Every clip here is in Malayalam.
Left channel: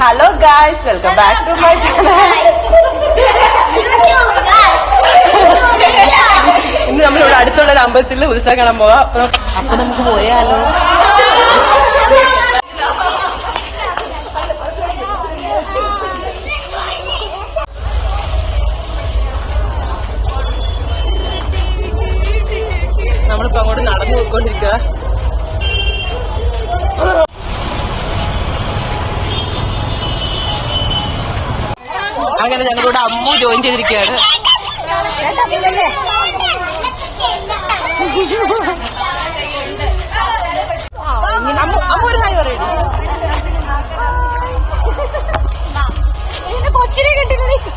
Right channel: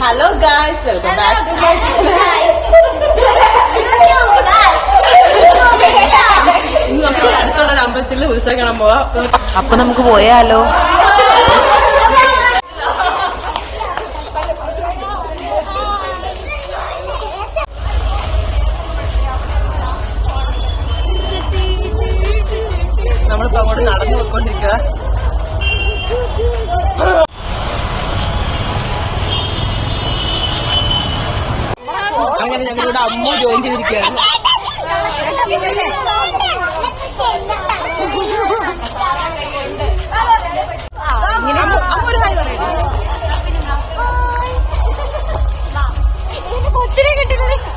Hello guys, welcome back to my channel. ഇന്ന് നമ്മളിവിടെ അടുത്തുള്ള ഒരു അമ്പലത്തിൽ ഉത്സവം കാണാൻ പോവാം. അപ്പൊ നമുക്ക് പോയാലോ? നമ്മളിപ്പോ അങ്ങോട്ട് നടന്നു പോയിക്കൊണ്ടിരിക്കുക. അങ്ങനെ ഞങ്ങളിവിടെ അമ്മു ജോയിൻ ചെയ്തിരിക്കുകയാണ്. അമ്മ ഒരു ഹായ് പറയൂ.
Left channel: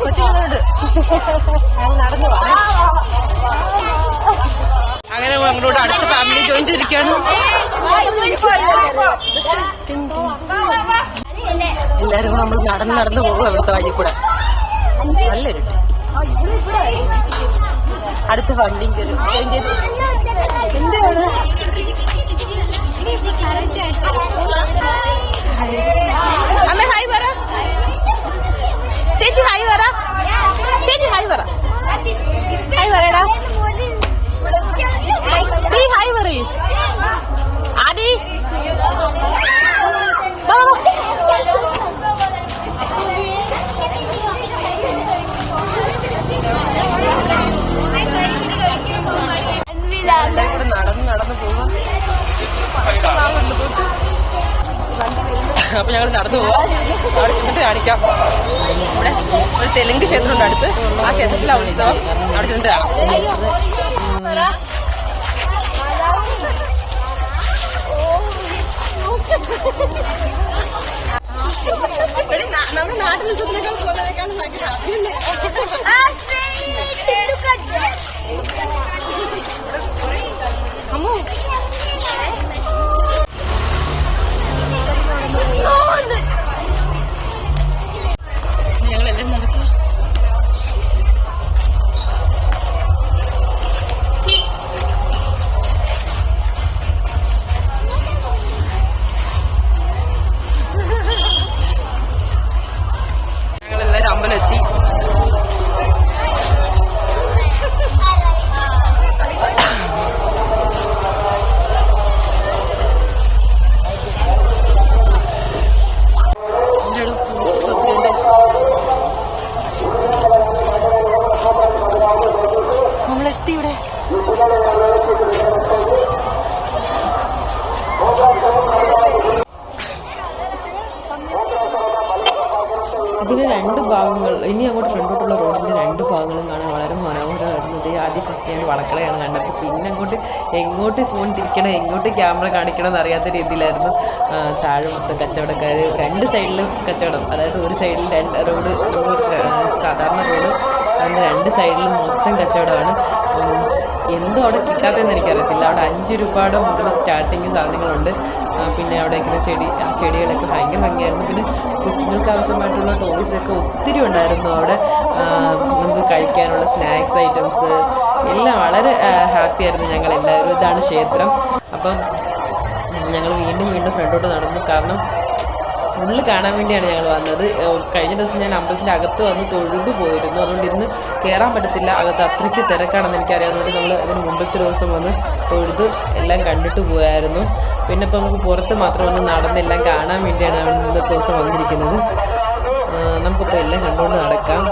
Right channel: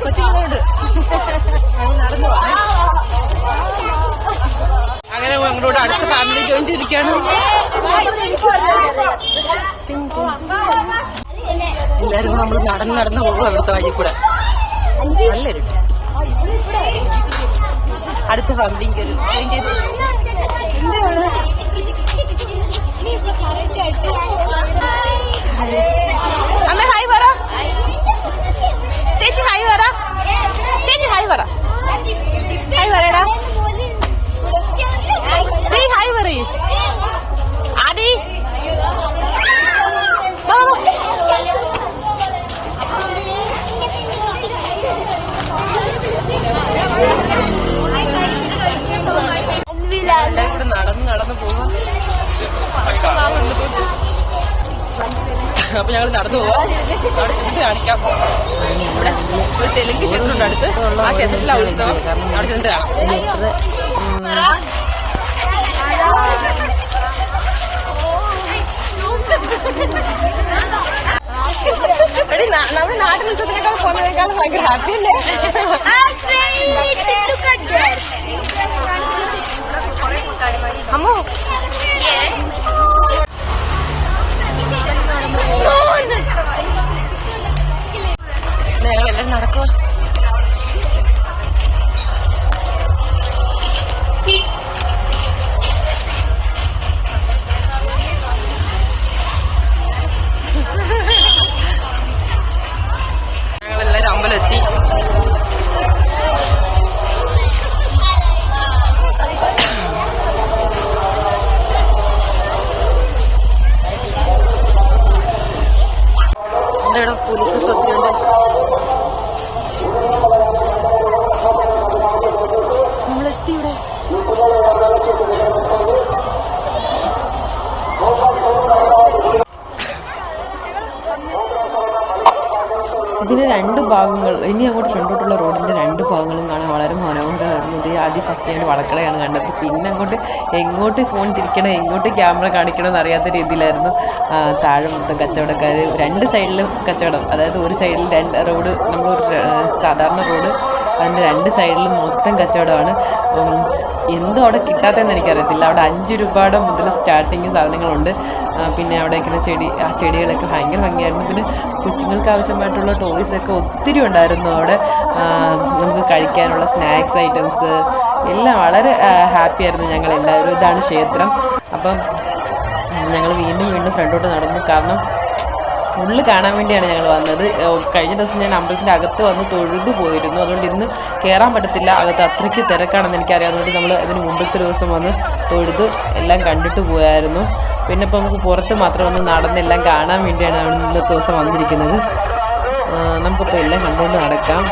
കൊച്ചുങ്ങളുണ്ട്. നടന്നു അങ്ങനെ ഞങ്ങളോട് അടുത്ത ഫാമിലി ജോയിൻ ചെയ്തിരിക്കുകയാണ്. എല്ലാരും കൂടെ നമ്മൾ നടന്നു പോകും അവിടുത്തെ വഴി കൂടെ. നല്ലൊരു അടുത്ത ഫാമിലി ജോയിൻ ചെയ്തു. എന്താണ് അമ്മ ഹായ് പറ. ചേച്ചി ഹായ് പറ. ചേച്ചി ഹായ് പറ. ഹായ് പറയടാ. ഹായ് പറയ് ആദി. എല്ലാവരും കൂടെ നടന്നു പോവാം. അപ്പൊ ഞങ്ങൾ നടന്നു പോവാം. അവിടെ ചെന്നിട്ട് കാണിക്കാം. ഇവിടെ ഒരു തെലുങ്ക് ക്ഷേത്രമുണ്ട് അടുത്ത്. ആ ക്ഷേത്രത്തിലെ ഉത്സവം അവിടെ ചെന്നിട്ട് കാണാം. എടി നമ്മുടെ നാട്ടിൽ ഉത്സവത്തിനേക്കാൾ പോകുന്നതിനേക്കാളും ഭയങ്കര ഹാപ്പി അല്ലേ? അമ്മോ ഞങ്ങളെല്ലാരും നടക്കുക. ഞങ്ങളെല്ലാരും അമ്പലമെത്തി. ഇവിടെ പോലീസൊക്കെ ഒത്തിരിയുണ്ട്. നമ്മളെത്തി ഇവിടെ. ഇതിന് രണ്ട് ഭാഗങ്ങൾ, ഇനി അങ്ങോട്ട് ഫ്രണ്ടോട്ടുള്ള റോഡിൻ്റെ രണ്ട് ഭാഗങ്ങളും കാണാൻ വളരെ മനോഹരമായിരുന്നു. ആദ്യം ഫസ്റ്റ് ഞാൻ വളക്കളയാണ് കണ്ടത്. പിന്നെ അങ്ങോട്ട് എങ്ങോട്ട് ഫോൺ തിരിക്കണം, എങ്ങോട്ട് ക്യാമറ കാണിക്കണം എന്നറിയാത്ത രീതിയിലായിരുന്നു. താഴെ മൊത്തം കച്ചവടക്കാർ, രണ്ട് സൈഡിലും കച്ചവടം. അതായത് ഒരു സൈഡിൽ റോഡ്, സാധാരണ റോഡ്, അതിൻ്റെ രണ്ട് സൈഡിലും മൊത്തം കച്ചവടമാണ്. എന്തോ അവിടെ കിട്ടാത്തതെന്ന് എനിക്കറിയത്തില്ല. അവിടെ 5 രൂപയുടെ മുതൽ സ്റ്റാർട്ടിങ് സാധനങ്ങളുണ്ട്. പിന്നെ അവിടെ ഇങ്ങനെ ആ ചെടികളൊക്കെ ഭയങ്കര ഭംഗിയായിരുന്നു. പിന്നെ കൊച്ചുങ്ങൾക്ക് ആവശ്യമായിട്ടുള്ള ടോയ്സൊക്കെ ഒത്തിരി ഉണ്ടായിരുന്നു അവിടെ. നമുക്ക് കഴിക്കാനുള്ള സ്നാക്സ് ഐറ്റംസ് എല്ലാം വളരെ ഹാപ്പി ആയിരുന്നു ഞങ്ങളെല്ലാവരും. ഇതാണ് ക്ഷേത്രം. അപ്പം ഞങ്ങൾ വീണ്ടും ഫ്രണ്ടോട്ട് നടന്നു. കാരണം ഫുള്ള് കാണാൻ വേണ്ടിയാണ് ഞങ്ങൾ വന്നത്. കഴിഞ്ഞ ദിവസം ഞാൻ അമ്പലത്തിൻ്റെ അകത്ത് വന്ന് തൊഴുതു പോയിരുന്നു. അതുകൊണ്ട് ഇന്ന് കയറാൻ പറ്റത്തില്ല. അകത്ത് അത്രയ്ക്ക് തിരക്കാണെന്ന് എനിക്കറിയാവുന്നതുകൊണ്ട് നമ്മൾ അതിന് മുമ്പത്തെ ദിവസം വന്ന് തൊഴുത് എല്ലാം കണ്ടിട്ട് പോയായിരുന്നു. പിന്നെ ഇപ്പോൾ നമുക്ക് പുറത്ത് മാത്രം ഒന്ന് നടന്നെല്ലാം കാണാൻ വേണ്ടിയാണ് നമ്മൾ ഇന്നത്തെ ദിവസം വന്നിരിക്കുന്നത്. നമുക്കിപ്പോൾ എല്ലാം കണ്ടുകൊണ്ട് നടക്കാം.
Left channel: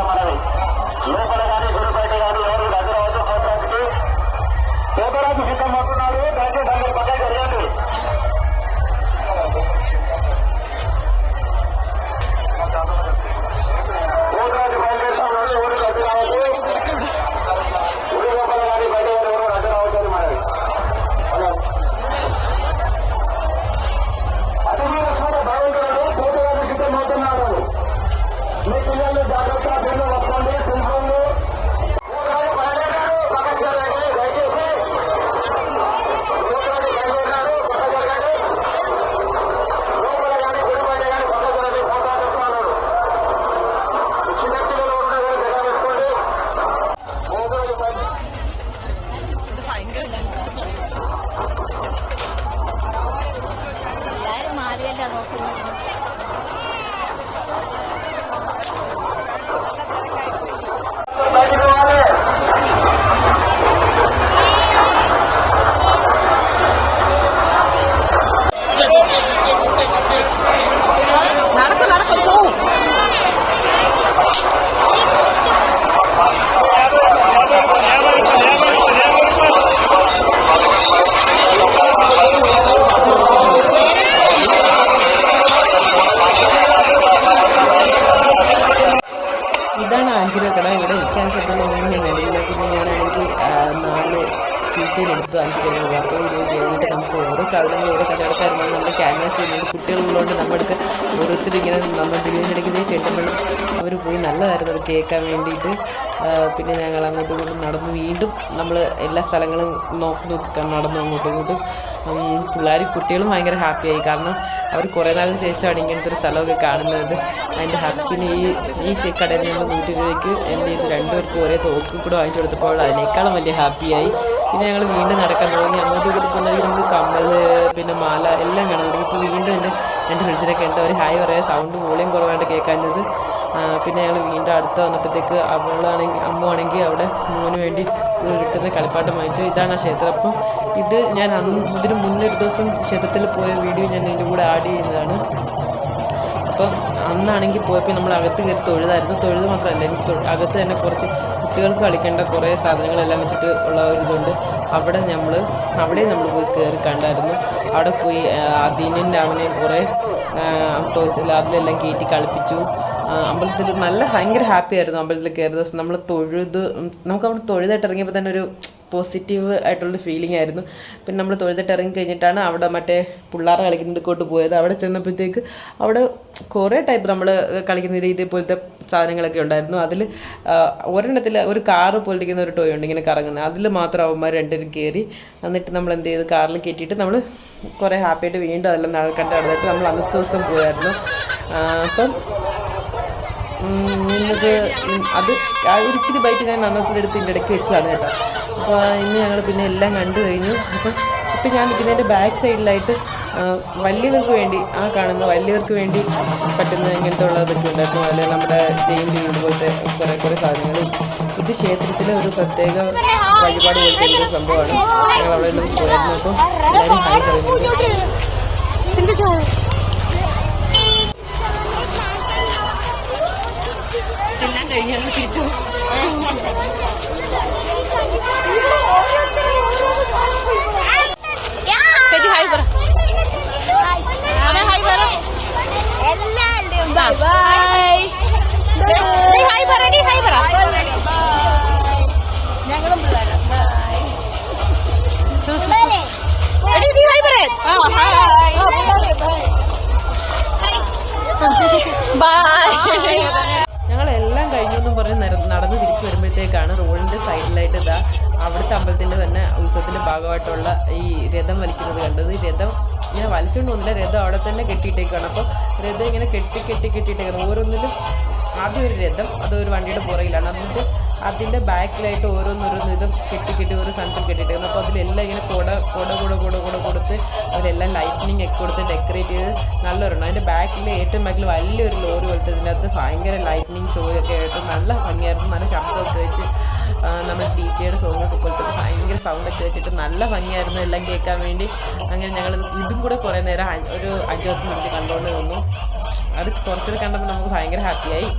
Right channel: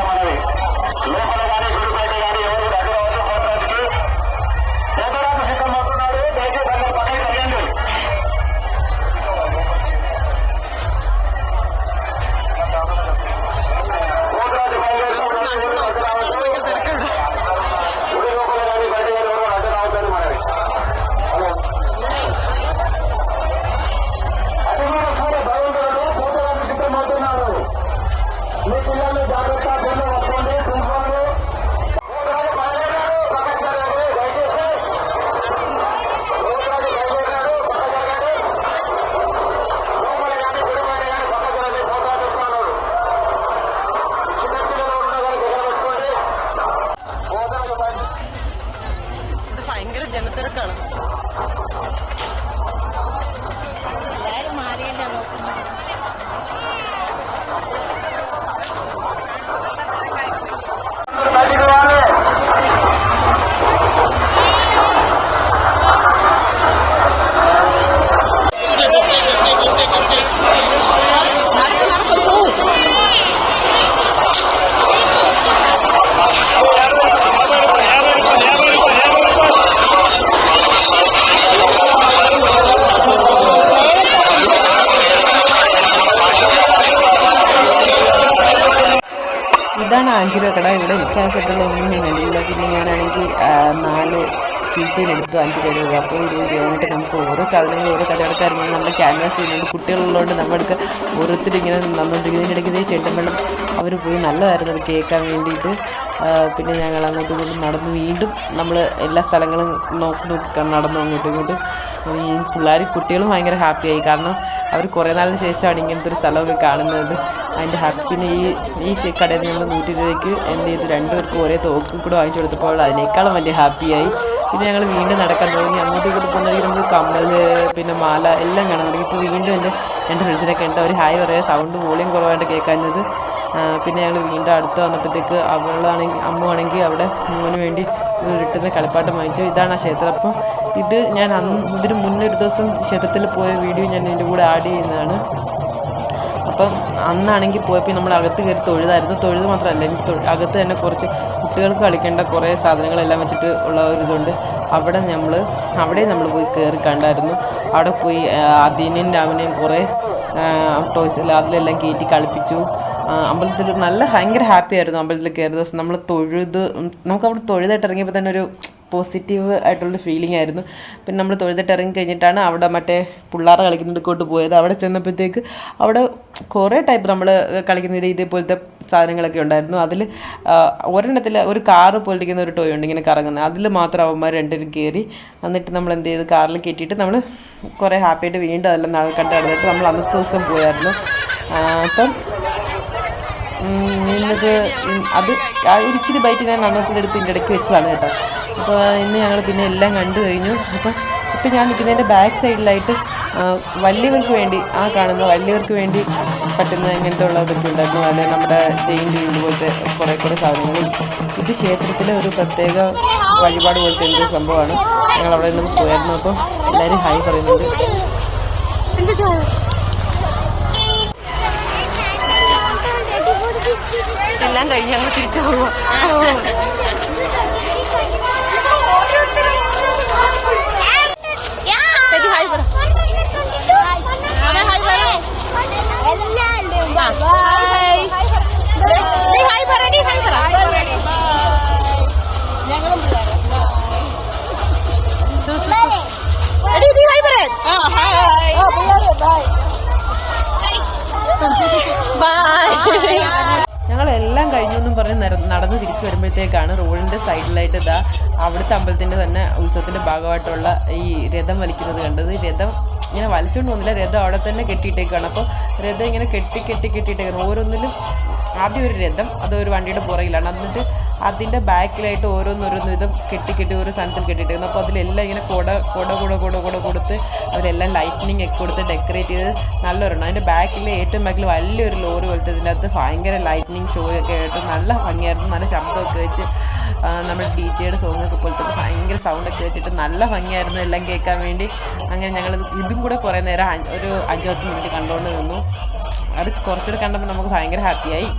ഭയങ്കര ജനത്തിരക്കാണ്. ഇതാണ് ആഞ്ചിലോ കട. ഇവിടെ എനിക്ക് ആവശ്യമായിട്ടുള്ള ഒന്നും ഞാൻ കണ്ടില്ല. പിന്നെ ഞാനാണെങ്കിൽ 4 കീച്ചെയിൻ എടുത്തു 5 രൂപ. അപ്പോൾ 20 രൂപയായിട്ട് നമുക്ക് ഓരോ സാധനങ്ങൾ ഓരോ കച്ചവടക്കാരുമ്പോൾ നമ്മൾ ക്യാൻവാസ് ചെയ്യുന്നുണ്ട്. കുട്ടികളുള്ളതുകൊണ്ട് നമ്മുടെ ഓരോരുത്തർ ഇങ്ങനെ ഇതിനിടയ്ക്ക് ചെണ്ടുമ്പള്ളം അവർ പോയി നല്ലതായിരുന്നു അത് കേൾക്കാൻ വേണ്ടിയിട്ട്. പിന്നെ ഞങ്ങൾ അങ്ങോട്ടും ഇങ്ങോട്ടും നടന്നു വീണ്ടും നമ്മൾ എല്ലാ സ്ഥലങ്ങളും നോക്കി നടന്നു അങ്ങോട്ടും ഇങ്ങോട്ടും. കുട്ടികളും ഭയങ്കര ഹാപ്പിയായി. കാരണം അവർ കുറേ നാളിന് ശേഷമാണ് ഇങ്ങനത്തെ ഒരു സ്ഥലമൊക്കെ കാണുന്നത്. അതിൻ്റെ ഹാപ്പി. പിന്നെ ഈ കടയിൽ നമ്മൾ 100 രൂപയ്ക്ക് എന്ത് ചെയ്തു, 2 പേർക്ക് ഒരേ തോക്ക് കൂടെ വാങ്ങിച്ചു കൊടുത്തപ്പോൾ അതിനേക്കാളും വലിയ ഹാപ്പിയായി. പിന്നെ ഞങ്ങൾ വീണ്ടും നടക്കാൻ തുടങ്ങി. അങ്ങോട്ടും ഇങ്ങോട്ടും പോകുന്നവർക്ക് നമുക്ക് കമ്മൽ പിന്നെ മാല എല്ലാം കാണാൻ തുടങ്ങി. ഇപ്പോൾ വീണ്ടും എൻ്റെ ഫ്രണ്ട്സിനൊക്കെ ഉണ്ട്. അവർ ഹായ് പറയാം. സൗണ്ട് വോളിയം കുറവായിട്ട് കേൾക്കാഞ്ഞത്. പിന്നെ ഞങ്ങൾ വീണ്ടും അടുത്ത് വന്നപ്പോഴത്തേക്ക് അമ്മുവാണെങ്കിൽ അവിടെ മോന് വേണ്ടി കിട്ടുന്ന കളിപ്പാട്ടം വാങ്ങിച്ചു. ഇതാണ് ആ ക്ഷേത്രം. അപ്പം ഇത് ഞാൻ ഇതിന് മുന്നൊരു ദിവസം ക്ഷേത്രത്തിൽ പോയ വീഡിയോ ഞാൻ ഇതിൻ്റെ കൂടെ ആഡ് ചെയ്യുന്നതാണ്. അപ്പം അന്നാണെങ്കിൽ പോയപ്പോൾ നമ്മൾ അകത്ത് കയറി തൊഴുതായിരുന്നു. തൊഴുത് മാത്രമല്ല, എനിക്ക് അകത്ത് തന്നെ കുറച്ച് കുട്ടികൾക്ക് കളിക്കേണ്ട കുറേ സാധനങ്ങളെല്ലാം വെച്ചിട്ട് ഉള്ള ഒരു ഇതുണ്ട്. അവിടെ നമ്മൾ പോയി കയറി കണ്ടായിരുന്നു. അവിടെ പോയി അതിനെയും രാമനെയും കുറേ ടോയ്സ് അതിലെല്ലാം കയറ്റി കളിപ്പിച്ചു. അമ്പലത്തിൽ ഭയങ്കര ഹാപ്പി ആയിരുന്നു. അമ്പലത്തിൽ കയറിയ ദിവസം നമുക്കവിടെ തൊഴുതായിട്ട് ഇറങ്ങിയപ്പോൾ തന്നെ ഒരു പോസിറ്റീവ് ആയിട്ടുള്ളൊരു ഫീലിംഗ് ആയിരുന്നു. പിന്നെ നമ്മൾ തൊഴുതിട്ട് ഇറങ്ങി കഴിഞ്ഞിട്ടാണ് അവിടെ മറ്റേ പിള്ളേരെ കളിക്കുന്നിടക്കോട്ട് പോയത്. അവിടെ ചെന്നപ്പോഴത്തേക്ക് അവിടെ കുറേ ടൈപ്പ് നമ്മൾ കളിക്കുന്ന ഇതേപോലത്തെ സാധനങ്ങളൊക്കെ ഉണ്ടായിരുന്നു. അതിൽ ഒരെണ്ണത്തിൽ ഒരു കാറ് പോലിരിക്കുന്ന ഒരു ടോയ് ഉണ്ട് ഇങ്ങനെ കറങ്ങുന്നത്. അതിൽ മാത്രം അവന്മാർ 2 പേരും കയറി. എന്നിട്ട് നമ്മൾ എന്ത് ചെയ്ത് കാറിൽ കയറ്റിയിട്ട് നമ്മൾ കുറേ ഹാപ്പിയായിട്ട് വീണ്ടും അതെല്ലാം കണ്ട് നടന്നിട്ട് നമ്മൾ അന്നത്തെ ദിവസം പോയായിരുന്നു. അപ്പം ഇന്നത് അത് ഇച്ചിരി ബൈറ്റ് ഞാൻ അന്നത്തിലെടുത്ത് ഇതിൻ്റെ ഇടയ്ക്ക് വെച്ചതാണ് കേട്ടോ. അപ്പോൾ ഇന്ന് ഞങ്ങൾ പിന്നെ എല്ലാം കണ്ടു കഴിഞ്ഞു. ഇപ്പം ഞാൻ നിൽക്കുന്നതിൻ്റെ ബാക്ക് സൈഡിലായിട്ട് വലിയവർക്ക് വേണ്ടി വലിയവർക്ക് വേണ്ടി പറ്റുന്ന ഇങ്ങനത്തെ ഉള്ളതൊക്കെ ഉണ്ടായിരുന്നു. അതിൽ നമ്മുടെ ജെയിൻ വീട് പോലത്തെ കുറേ സാധനങ്ങൾ. ഇത് ക്ഷേത്രത്തിലെ ഒരു പ്രത്യേക വഴിപാട് പോലത്തെ എന്തൊരു സംഭവമാണ്. ഞങ്ങൾ അവിടെ നിന്ന് പോയായിരുന്നു. അപ്പം എല്ലാവരും ഹായ് പറയുന്നുണ്ട്. എല്ലാം കഴിഞ്ഞ് ഞങ്ങൾ തിരിച്ചു പോകും. ഞങ്ങളും ഞങ്ങളെല്ലാം കഴിഞ്ഞൊന്നും പറഞ്ഞ് നടന്ന് തിരിച്ചു വരുമ്പോഴത്തേക്കാണ് റോഡിൻ്റെ സൈഡിലായിട്ട് അവിടുത്തെ അമ്പലത്തിൻ്റെ തന്നെ ഉത്സവത്തിൻ്റെ ഭാഗമായിട്ടുള്ള ഈ രഥം വലിക്കുന്നത് കണ്ടത്. രഥം ഇങ്ങനെ വലിച്ചുകൊണ്ട് പോകുന്നില്ല, രഥം അവിടെ തന്നെ കെട്ടിയിട്ടേക്കാണ്. അപ്പോൾ രഥം ഇങ്ങനെ കെട്ടിയിട്ടേക്കാണ്. ഓരോന്നിലും ആദ്യം ഒരു രഥം അതൊരു വണ്ടിയുടെ പുറകിലാണ്. എന്നിട്ട് അതിൻ്റെ ബാക്കിലായിട്ട് ഓരോന്നോരോന്ന് ഇതും കെട്ടി ഓരോ സ്ഥലത്തും കെട്ടിയിട്ടേക്കുന്നു. അപ്പോൾ അതിലെല്ലാം ഇങ്ങനെ കുട കൊടുത്ത് അതിലെല്ലാം ലൈറ്റിനിങ് ഒക്കെ കൊടുത്ത് ഡെക്കറേറ്റ് ചെയ്ത് നല്ലൊരെണ്ണം. അതിൻ്റെ ഏറ്റവും ബാക്കിൽ വലിയൊരു ലോറി പോലത്തെ ഇതിൻ്റെ അകത്ത് ഭയങ്കര ലൈറ്റിനിങ് ഷോ ഒക്കെ ആയിട്ട് നല്ല ഭംഗിയായിരുന്നു. നല്ല ശബ്ദമൊക്കെ വെച്ച് നമ്മൾ DJ സോങ്ങൊക്കെ പോലത്തെ ഭയങ്കര സൗണ്ടൊക്കെ വെച്ചിട്ട് നല്ല ഭംഗിയായിരുന്നു എല്ലാം കേൾക്കാൻ വേണ്ടി. അങ്ങനെ ഞങ്ങൾ ഇതും കൂടെ കുറേ നേരം ഒരു 5-10 മിനിറ്റ് കണ്ടുകൊണ്ട് നിന്നു. അത് കുറച്ചുകൂടെ കണ്ടപ്പോൾ നമുക്ക് ഭയങ്കര ഹാപ്പിയായി.